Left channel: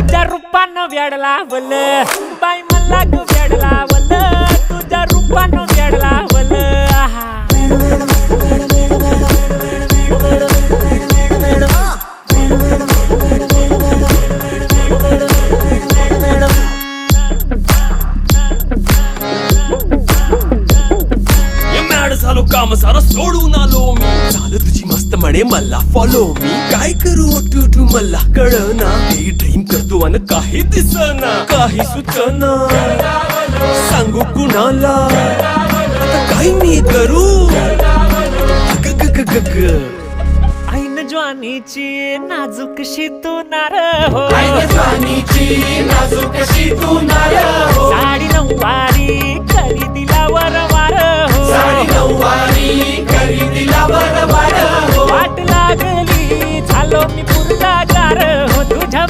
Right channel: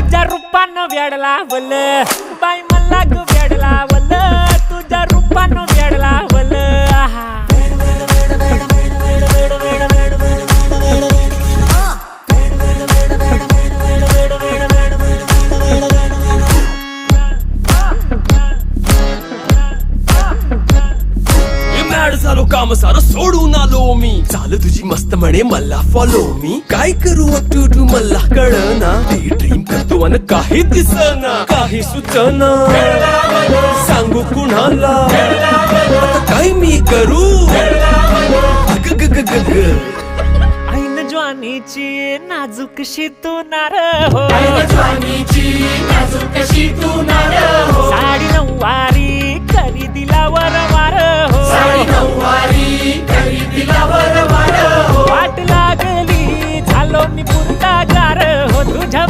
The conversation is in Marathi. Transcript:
तुझ्या रूपानं वेड लावल बाई मला ग वेड लावल तुझ्या रूपानं वेड लावल झालो काम सारं सोडून आलो मी चाल तुझी मस्त म्हणे मला फॉलो मी काय करू टू मला कळना ड्रीम करतो आणि काही दिसना काही सुचना सांगू कुणाला आता काय मी करू अग ग ग ग ग ऐन ज्वानीची नाजूकशी तू नार हो साडी नऊवारी करी दिला वरवार हो वाट लागली झालो मी पुरता गार हो तुझ्या